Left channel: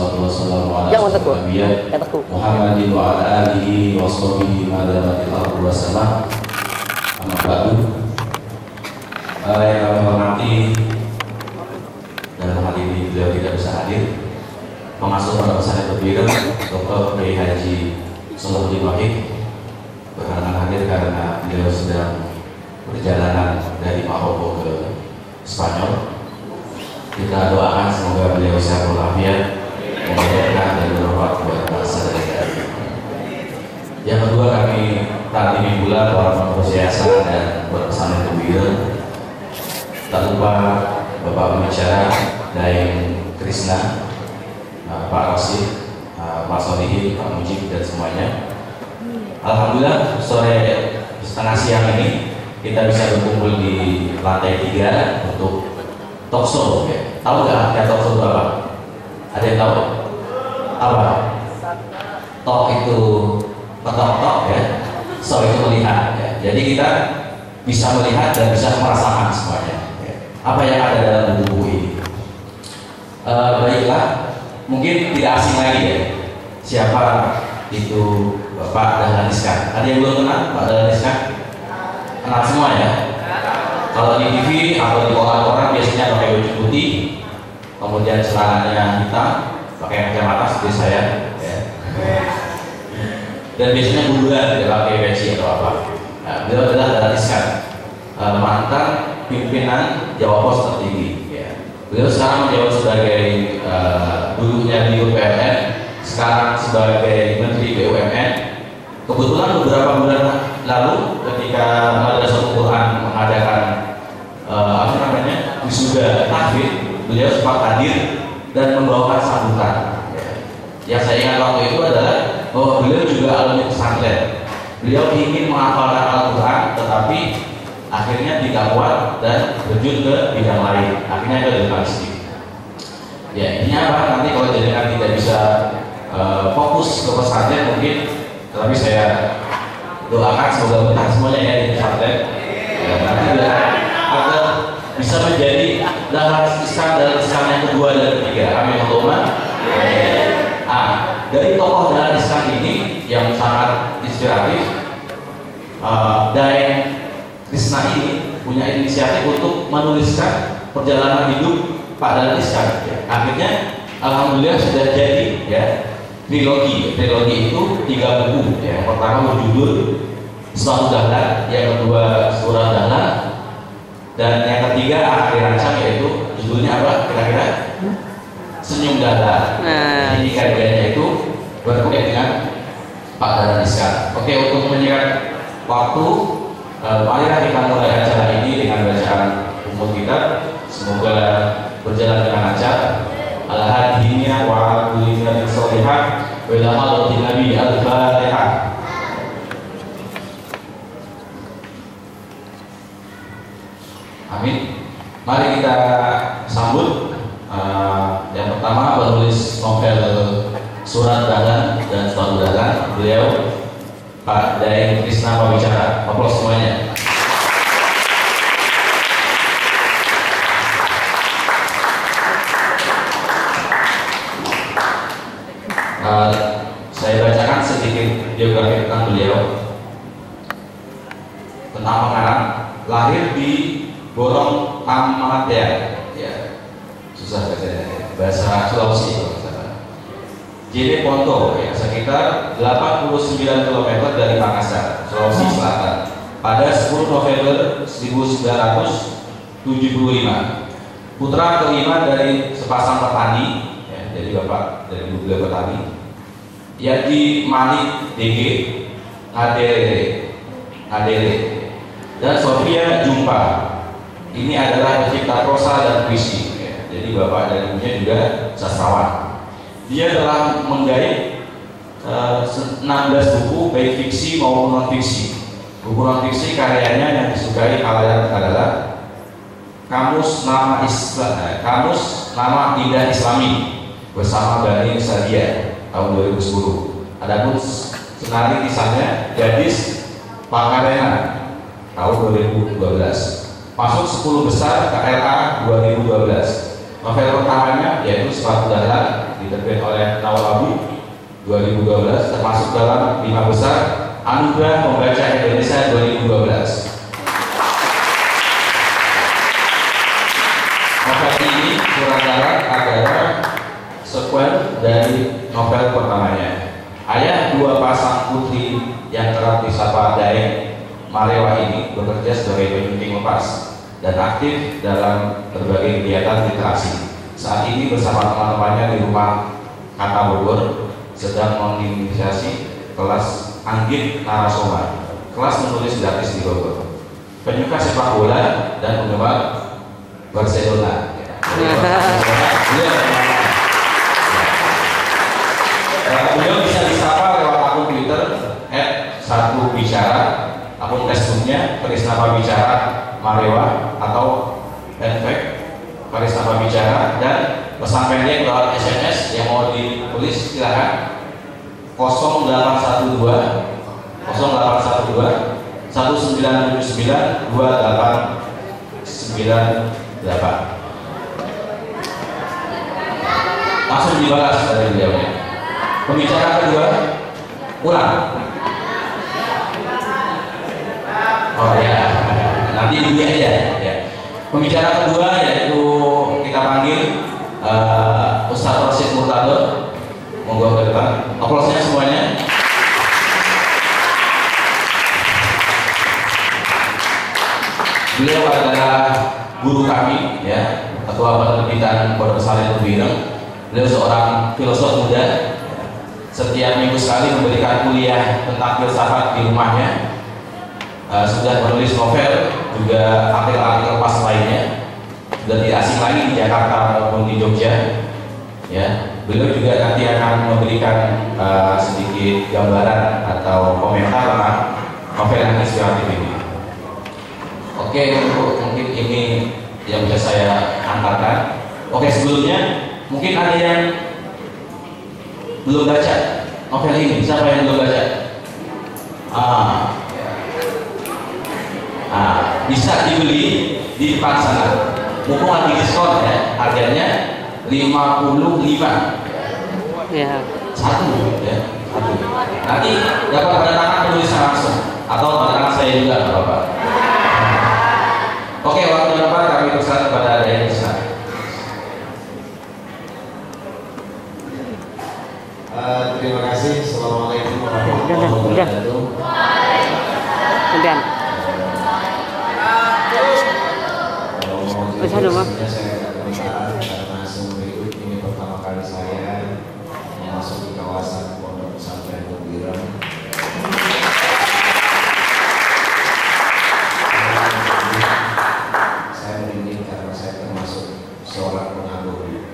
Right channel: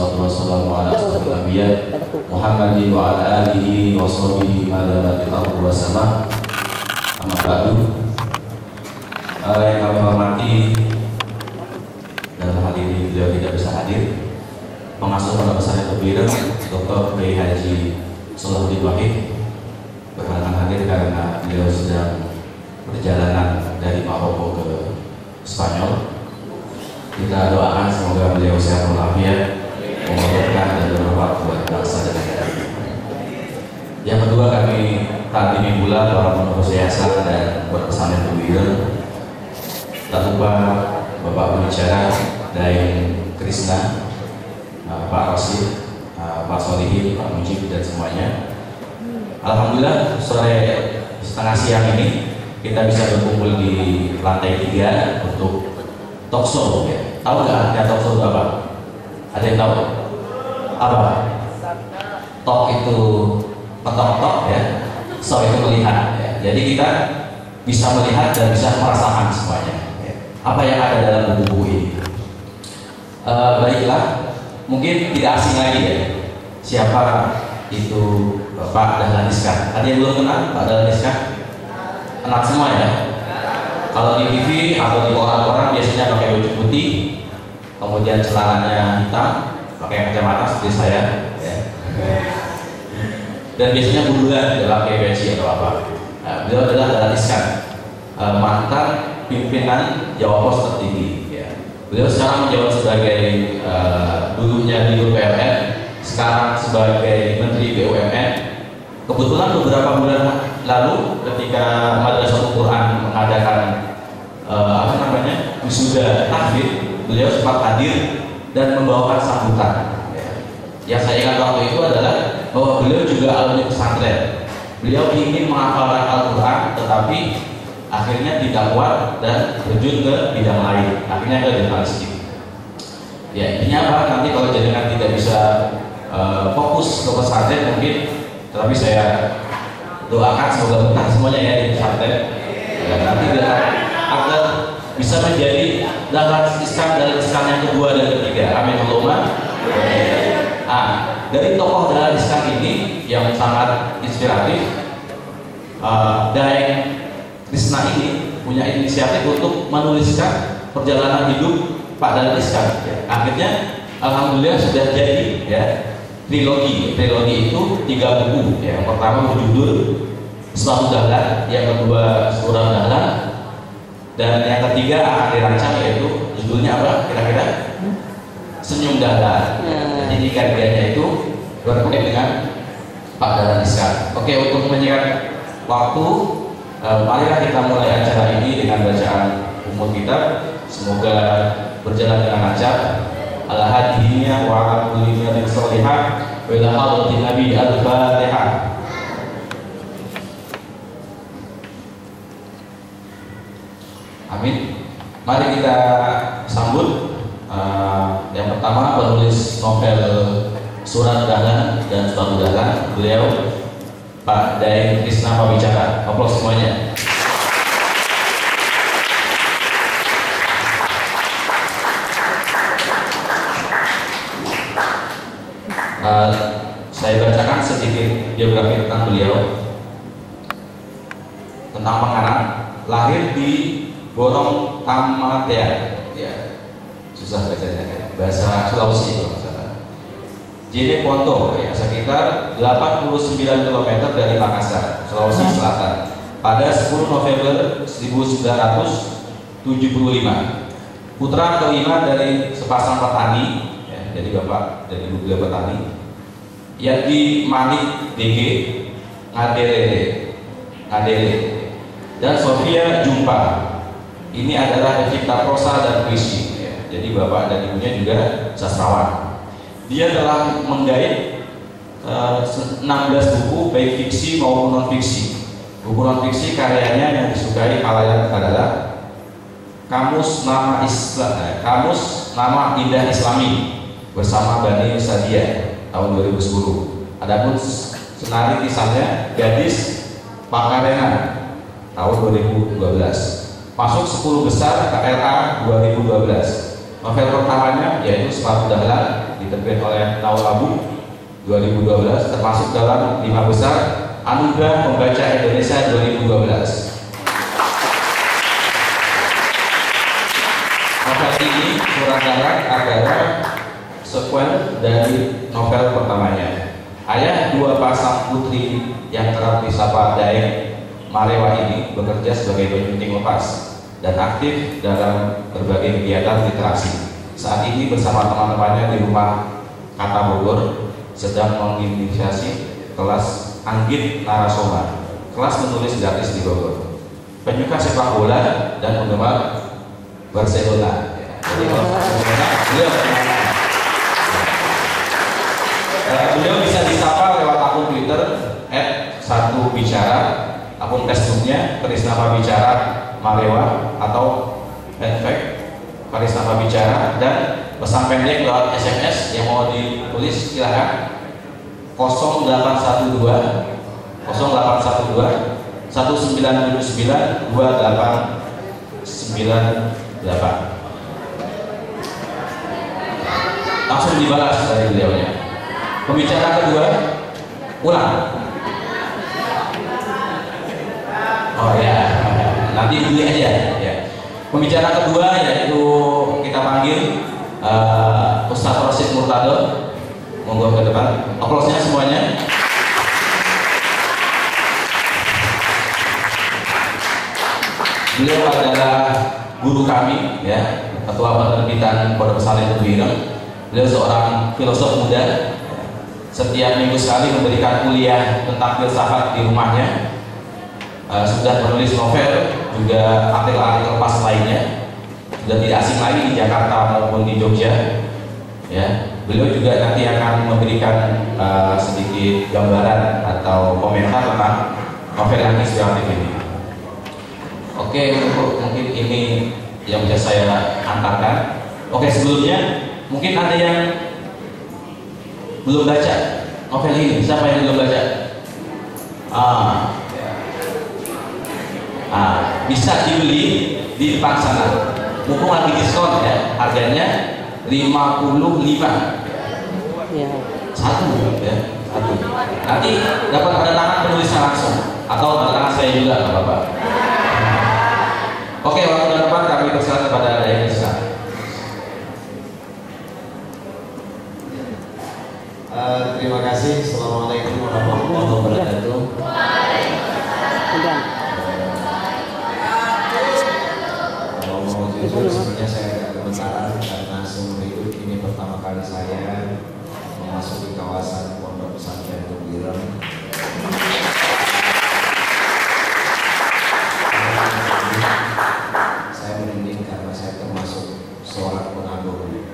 wassalatu wassalamu ala asyrofil anbiya Muhammadin wa ala alihi wa sahbihi ma damatil ardu wassalam. Amma ba'du. Yang kami hormati, dalam hal ini beliau tidak bisa hadir, pengasuh Pondok Pesantren Tebuireng Dr. Kiai Haji Salahuddin Wahid berhalangan hadir karena beliau sedang perjalanan dari Maroko ke Spanyol. Kita doakan semoga beliau sehat walafiat, memudahkan dan bermanfaat buat bangsa dan negara. Yang kedua, kami tadi pula para pengurus yayasan dan Pondok Pesantren Tebuireng, tak lupa Bapak Pembicara Daeng Krisna, Pak Rosid, Pak Solihin, Pak Mujib dan semuanya. Alhamdulillah sore setengah siang ini kita bisa berkumpul di lantai 3 untuk talk show. Ya. Tahu nggak artinya talk show itu apa? Ada yang tahu? Apa? Talk itu ketok-ketok ya, show itu melihat ya. Jadi kita bisa melihat dan bisa merasakan semuanya ya. Apa yang ada dalam buku ini. Baiklah, mungkin tidak asing lagi ya siapa itu Pak Dahlan Iskan. Ada yang belum kenal Pak Dahlan Iskan? Kenal semua ya. Kalau di TV atau di koran-koran biasanya pakai baju putih, kemudian celananya hitam, pakai kacamata seperti saya ya. Dan biasanya bundulan, tidak pakai peci atau apa. Nah, beliau adalah Dahlan Iskan, mantan pimpinan Jawa Pos tertinggi ya. Beliau sekarang menjabat sebagai dulunya di UPRN, sekarang sebagai Menteri BUMN. Kebetulan beberapa bulan lalu ketika Madrasatul Quran mengadakan wisuda tahfidz, beliau sempat hadir dan membawakan sambutan. Yang saya ingat waktu itu adalah bahwa beliau juga alumni pesantren. Beliau ingin menghafalkan Al-Quran, tetapi akhirnya tidak kuat dan terjun ke bidang lain. Akhirnya ke jurnalistik. Ya, ini apa? Nanti kalau jenengan tidak bisa fokus ke pesantren mungkin, tapi saya doakan semoga betah semuanya ya di pesantren. Ya, nanti agar bisa menjadi Dahlan Iskan yang kedua dan ketiga. Amin Allahumma. Dari tokoh Dahlan Iskan ini yang sangat inspiratif, Daeng Krisna ini punya inisiatif untuk menuliskan perjalanan hidup Pak Dahlan Iskan. Ya. Akhirnya alhamdulillah sudah jadi ya. Trilogi itu 3 buku. Yang pertama berjudul Suatu Dahlan, yang kedua Surah Dahlan, dan yang ketiga akan dirancang yaitu judulnya apa kira-kira? Senyum Dahlan. Jadi tiga-tiganya itu berkait dengan Pak Dahlan Iskan. Oke, untuk menyingkat waktu, marilah kita mulai acara ini dengan bacaan umum kita. Semoga berjalan dengan lancar. Al-hadiyah wa al-kulina bin salihah wa ila hadratin Nabi al-Fatihah. Amin. Mari kita sambut yang pertama penulis novel Surat Dahlan dan Suatu Dahlan, beliau Pak Daeng Krisna Pembicara. Aplaus semuanya. Saya bacakan sedikit biografi tentang beliau. Tentang pengarang, lahir di Borong Tamatea, ya susah bacanya, bahasa Sulawesi itu. Jene Ponto, ya, sekitar 89 km dari Makassar, Sulawesi Selatan, pada 10 November 1975. Putra kelima dari sepasang petani, ya, jadi bapak dari beliau petani. Yadi Malik DG Ngadele dan Sofia Jumpa. Ini adalah pencipta prosa dan puisi ya. Jadi bapak dan ibunya juga sastrawan. Dia telah menggait 16 buku baik fiksi maupun non fiksi. Buku non fiksi karyanya yang disukai khalayak adalah Kamus Nama Indah Islami bersama Bani Sadia tahun 2010. Adapun senari kisahnya Gadis Pakarena tahun 2012. Masuk 10 besar KRA 2012. Novel pertamanya yaitu Sepatu Dahlan, diterbitkan oleh Nawal Abu 2012, termasuk dalam 5 besar Anugerah Pembaca Indonesia 2012. Novel ini Surat Dahlan adalah sekuen dari novel pertamanya. Ayah dua pasang putri yang kerap disapa Daeng Marewa ini bekerja sebagai penyunting lepas dan aktif dalam berbagai kegiatan literasi. Saat ini bersama teman-temannya di rumah Kata Bogor sedang menginisiasi kelas Anggit Narasoma, kelas menulis gratis di Bogor. Penyuka sepak bola dan penggemar Barcelona. Beliau bisa disapa lewat akun Twitter @1bicara, akun Facebooknya Karisma Bicara Marewa atau Karisma Bicara, dan pesan pendek lewat SMS yang mau ditulis silakan 0812 1979 2898. Langsung dibalas dari beliaunya. Pembicara kedua, ulang. Oh ya, nanti dulu aja. Ya. Pembicara kedua yaitu kita panggil Ustadz Rashid Murtado. Monggo ke depan. Aplausnya semuanya. Beliau adalah guru kami, ya, ketua penerbitan Pondok Pesantren Tumbireng. Beliau seorang filosof muda. Setiap minggu sekali memberikan kuliah tentang filsafat di rumahnya. Sudah menulis novel, juga artikel-artikel pas lainnya. Sudah tidak asing lagi di Jakarta maupun di Jogja. Ya, beliau juga nanti akan memberikan sedikit gambaran atau komentar tentang novel yang inspiratif ini. Oke, mungkin ini yang bisa saya antarkan. Oke, sebelumnya mungkin ada yang belum baca novel ini. Siapa yang belum baca? Bisa dibeli di depan sana. Mumpung lagi diskon ya, harganya 55. Ya. Satu. Nanti dapat tanda tangan penulisnya langsung atau tanda tangan saya juga, nggak apa-apa. Oke, waktu yang tepat kami persilakan kepada Daeng Isna. Terima kasih. Assalamualaikum warahmatullahi wabarakatuh. Kemudian. Sebenarnya saya tidak kebenaran karena seumur hidup ini pertama kali saya memasuki kawasan Pondok Pesantren Tumbireng. Saya merinding karena saya termasuk seorang pengagum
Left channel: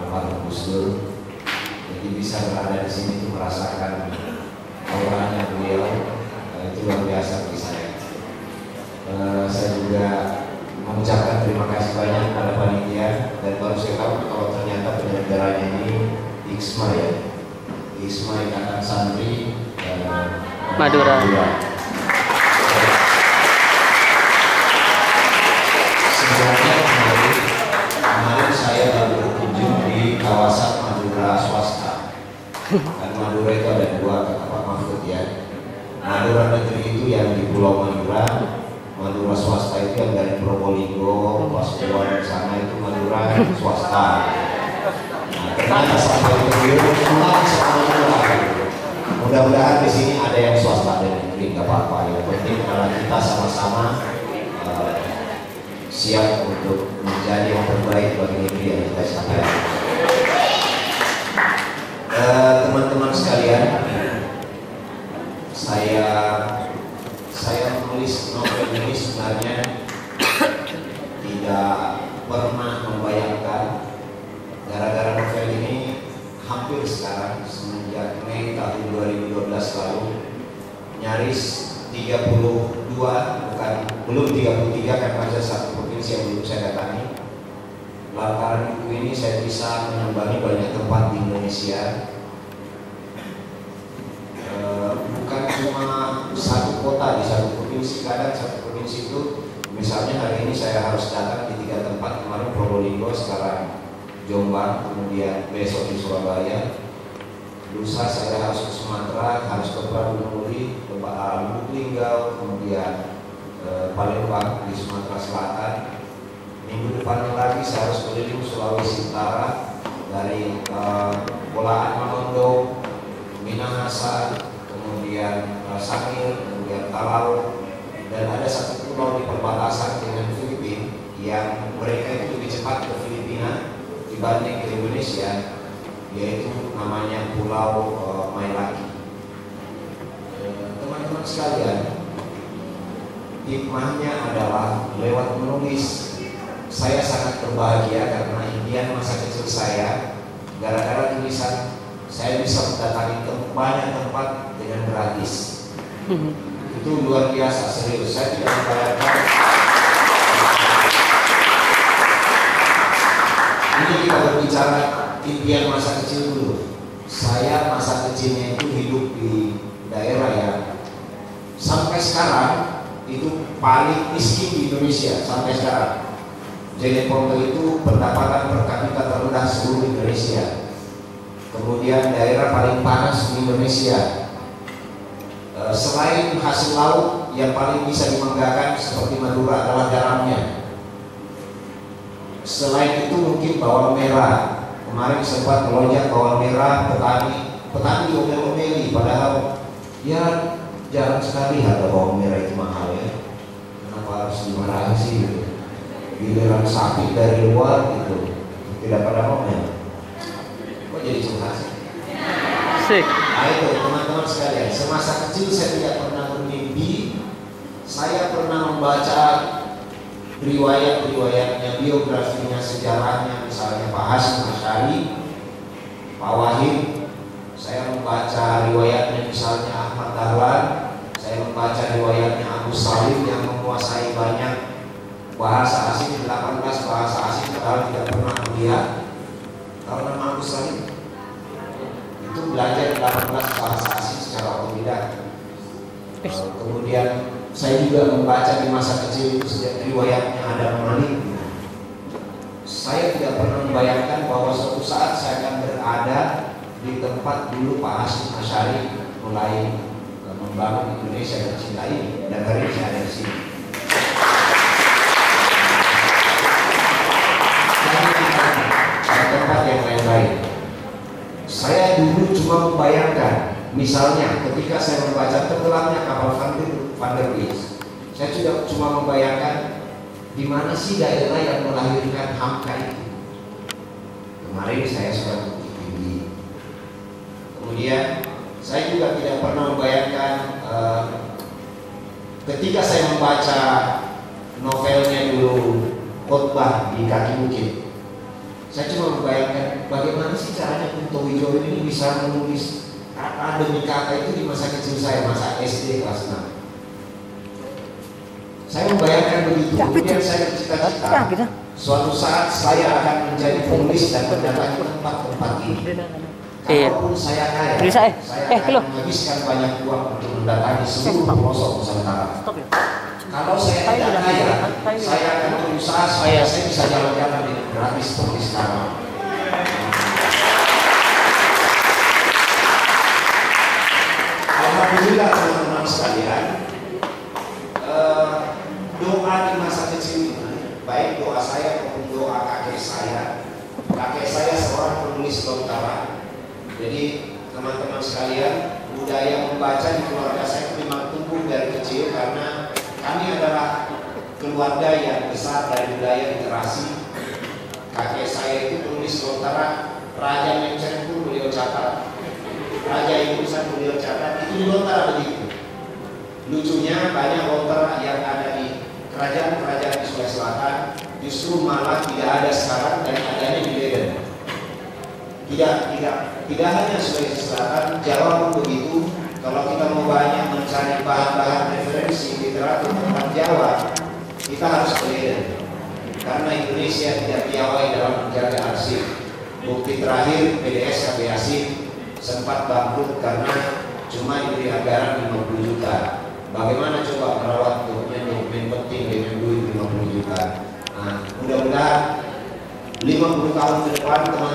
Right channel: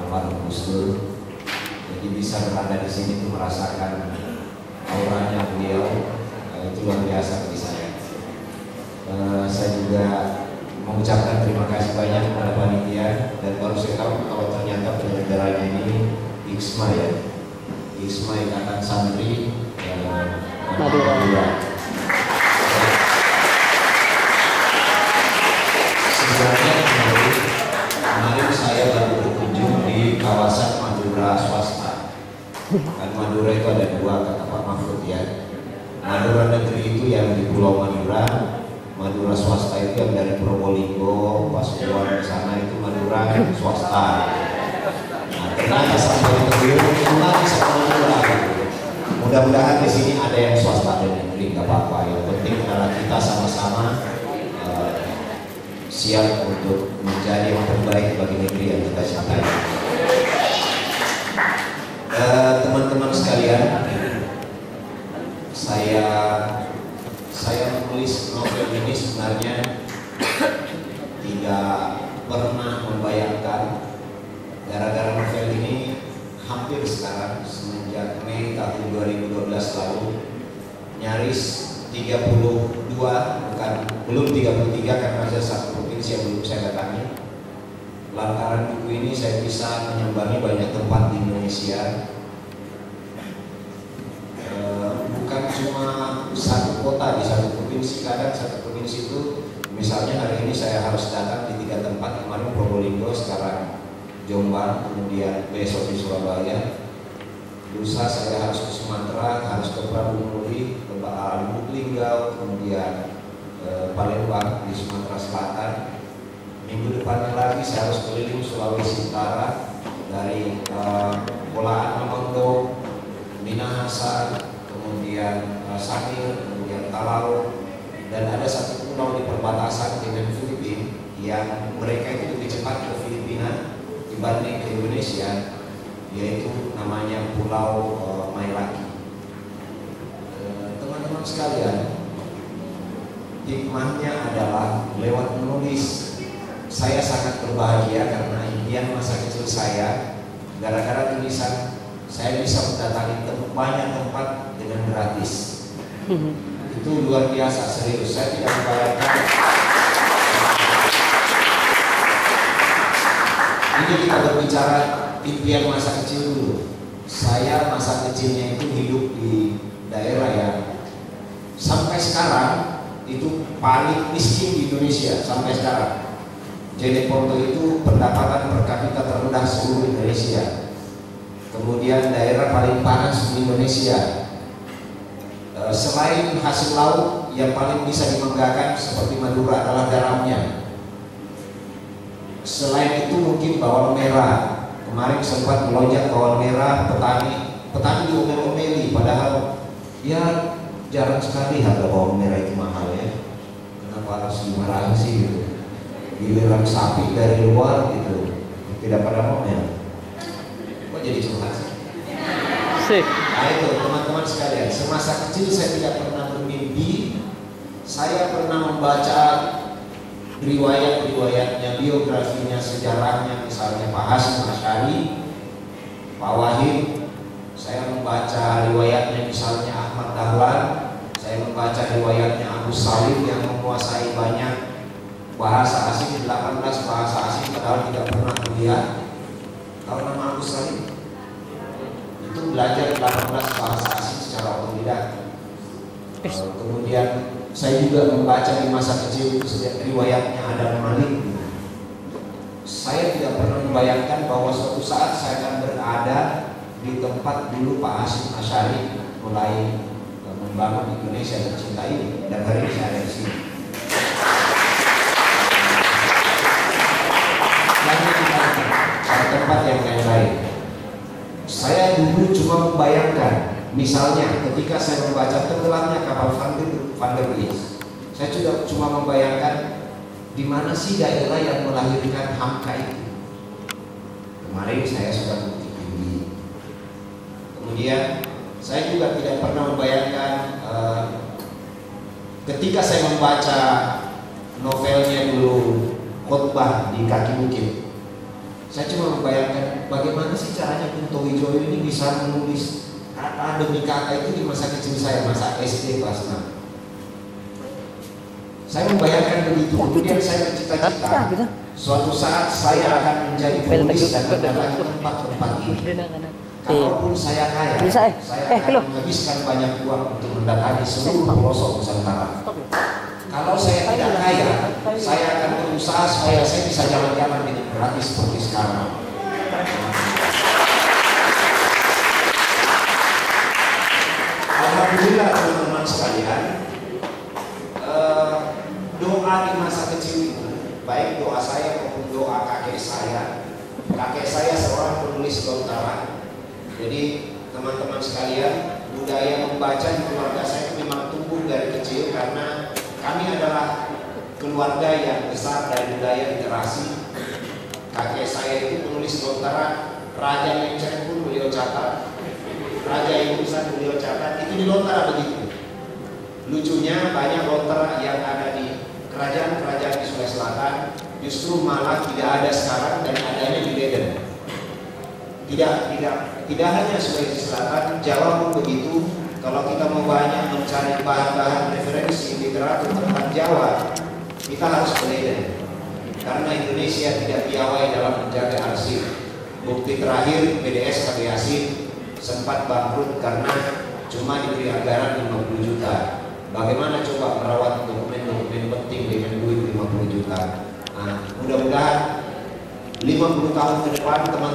almarhum Gus Dur. Jadi bisa berada di sini itu merasakan auranya beliau, itu luar biasa bagi saya. Saya juga mengucapkan terima kasih banyak kepada panitia, dan baru saya tahu kalau ternyata penyelenggaranya ini IKSMA ya, IKSMA Ikatan Santri Madura. Sebenarnya kemarin saya baru berkunjung di kawasan Madura swasta. Dan Madura itu ada dua, kata Pak Mahfud ya. Madura negeri itu yang di Pulau Madura, Madura swasta itu yang dari Probolinggo, Pasuruan ke sana itu Madura swasta. Nah, ternyata sampai Tumbireng lagi sama Madura. Mudah-mudahan di sini ada yang swasta dan negeri, nggak apa-apa. Yang penting adalah kita sama-sama siap untuk menjadi yang terbaik bagi negeri yang kita cintai. Teman-teman sekalian, saya menulis novel ini sebenarnya tidak pernah membayangkan, gara-gara novel ini hampir sekarang semenjak Mei tahun 2012 lalu nyaris 32, belum 33 karena ada satu provinsi yang belum saya datangi. Lantaran buku ini saya bisa menyambangi banyak tempat di Indonesia. Bukan cuma satu kota di satu provinsi, kadang satu provinsi itu Misalnya hari ini saya harus datang di 3 tempat, kemarin Probolinggo, sekarang Jombang, kemudian besok di Surabaya. Lusa saya harus ke Sumatera, harus ke Pradunuli, ke Lubuk Linggau, kemudian Palembang di Sumatera Selatan. Minggu depannya lagi saya harus keliling Sulawesi Utara dari Polaan Mamondo, Minahasa, kemudian Sangir, kemudian Talau, dan ada satu pulau di perbatasan dengan Filipina yang mereka itu lebih cepat ke Filipina dibanding ke Indonesia, yaitu namanya Pulau Mailaki. Teman-teman sekalian, hikmahnya adalah lewat menulis saya sangat berbahagia karena impian masa kecil saya, gara-gara tulisan saya bisa mendatangi banyak tempat dengan gratis. Itu luar biasa, serius. Saya tidak membayangkan. Ini kita berbicara impian masa kecil dulu. Saya masa kecilnya itu hidup di daerah yang sampai sekarang itu paling miskin di Indonesia sampai sekarang. Jeneponto itu pendapatan per kapita terendah seluruh Indonesia. Kemudian daerah paling panas di Indonesia. Selain hasil laut yang paling bisa dibanggakan seperti Madura adalah garamnya. Selain itu mungkin bawang merah. Kemarin sempat melonjak bawang merah, petani diomel-omeli, padahal ya jarang sekali harga bawang merah itu mahal ya. Kenapa harus dimarahin sih gitu? Giliran sapi dari luar gitu tidak pada ngomel. Kok jadi curhat sih? Nah itu teman-teman sekalian, semasa kecil saya tidak pernah bermimpi. Saya pernah membaca riwayat-riwayatnya, biografinya, sejarahnya, misalnya Pak Hasyim Asy'ari, Pak Wahid. Saya membaca riwayatnya misalnya Ahmad Dahlan. Saya membaca riwayatnya Agus Salim yang menguasai banyak bahasa asing, 18 bahasa asing, padahal tidak pernah kuliah. Tahu nama Agus Salim? Itu belajar 18 bahasa asing secara otodidak. Kemudian saya juga membaca di masa kecil itu riwayatnya Adam Malik. Saya tidak pernah membayangkan bahwa suatu saat saya akan berada di tempat dulu Pak Hasyim Asy'ari mulai membangun Indonesia tercinta ini, dan hari ini saya ada di sini. Ada tempat yang lain-lain. Saya dulu cuma membayangkan, misalnya ketika saya membaca tenggelamnya kapal Van der Weijs, saya juga cuma membayangkan di mana sih daerah yang melahirkan Hamka itu. Kemarin saya sudah bukti tinggi. Kemudian saya juga tidak pernah membayangkan ketika saya membaca novelnya dulu Khotbah di Kaki Bukit. Saya cuma membayangkan bagaimana sih caranya Kunto Wijoyo ini bisa menulis kata demi kata itu di masa kecil saya, masa SD kelas 6. Saya membayangkan begitu, kemudian saya bercita-cita suatu saat saya akan menjadi penulis dan mendatangi tempat-tempat ini. Kalaupun saya kaya, saya akan menghabiskan banyak uang untuk mendatangi seluruh pelosok Nusantara. Kalau saya tidak kaya, saya akan berusaha supaya saya bisa jalan-jalan dengan gratis seperti sekarang. Alhamdulillah teman-teman sekalian, doa di masa kecil itu, baik doa saya maupun doa kakek saya seorang penulis lontaran. Jadi teman-teman sekalian, budaya membaca di keluarga saya memang tumbuh dari kecil karena kami adalah keluarga yang besar dari budaya literasi. Kakek saya itu penulis lontaran, Raja Menceng pun beliau catat, Raja Ingusan beliau catat, itu di Lontara begitu. Lucunya banyak lontar yang ada di kerajaan-kerajaan di Sulawesi Selatan justru malah tidak ada sekarang dan adanya di Leiden. Tidak hanya Sulawesi Selatan, Jawa pun begitu. Kalau kita mau banyak mencari bahan-bahan referensi literatur tentang Jawa, kita harus ke Leiden. Karena Indonesia tidak piawai dalam menjaga arsip. Bukti terakhir PDS KB Yasin sempat bangkrut karena cuma diberi anggaran 50 juta. bagaimana coba merawat dokumen-dokumen penting dengan duit 50 juta. Nah, mudah-mudahan 50 tahun ke depan teman-teman